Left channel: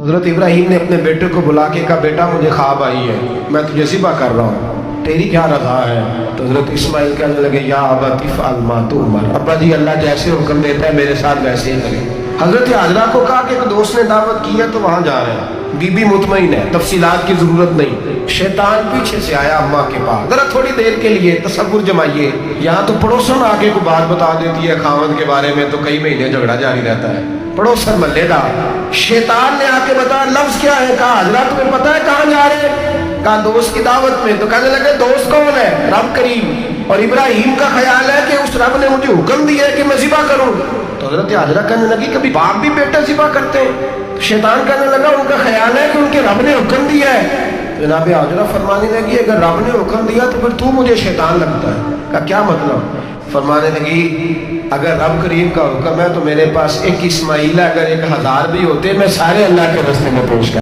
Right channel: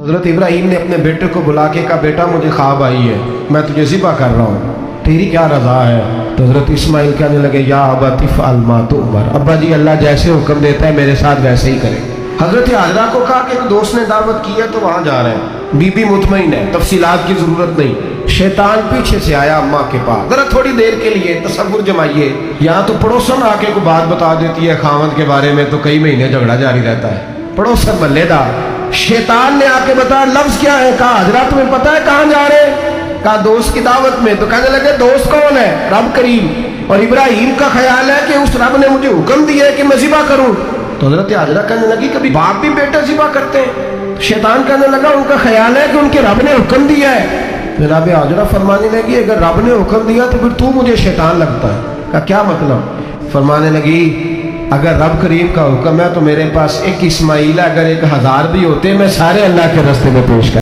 حضرت ابراہیم نے اپنے بیٹے کو بلا کے کہا بیٹا مجھے خواب آئی ہے، میں تجھے ذبح کر رہا ہوں، تیری کیا رضا ہے؟ تو حضرت اسماعیل کہنے لگے یا ابت افعل ما تؤمر، ابا جی اللہ جیسے حکم دیتا ہے میرے ساتھ ویسے ہی کریں۔ حضرت ہاجرہ کو کہا کہ ایک دوست نے دعوت کی ہے تو وہاں جا رہے ہیں، بی بی مطمئن ہے، تفصیلات کی ضرورت نہیں۔ شیطان پیچھے سے آیا اماں کے پاس، ذرا تھوڑی دیر کے لیے تصور جمائیے، یہاں تو پڑوسن آ کے کوئی بات بتا دیتی ہے خاوند کے بارے میں تو کئی مہینے جھگڑا جاری رہتا ہے، پڑوسن محلے دار۔ شیطان نے آ کے بتایا لفظ کیا ہے؟ کہا حضرہ تمہیں پتا ہے کہاں جا رہے ہیں؟ کہا دوست کی دعوت میں۔ تو کہنے لگے دوست کون ہے؟ رب کریم، اور ابراہیم کا خیال ہے کہ اس رب نے مجھے حکم دیا ہے کہ میں ذبح کروں۔ تو حضرت ہاجرہ کہنے لگی کبھی باپ بھی بیٹا ذبح کرتے ہیں؟ شیطان کہنے لگا ان کا خیال ہے کہ ان کے رب نے حکم دیا ہے۔ تو جناب ہاجرہ فرمانے لگی اگر رب نے حکم دیا تو پھر تو مجھے شیطان لگتا ہے۔ کہا کیا مطلب؟ فرمانے لگی اگر رب کریم کا حکم ہے تو میرے پاس ایک اسماعیل ہے، اگر 1000 بھی ہوتے میں سارے اللہ کے راستے میں پیش کر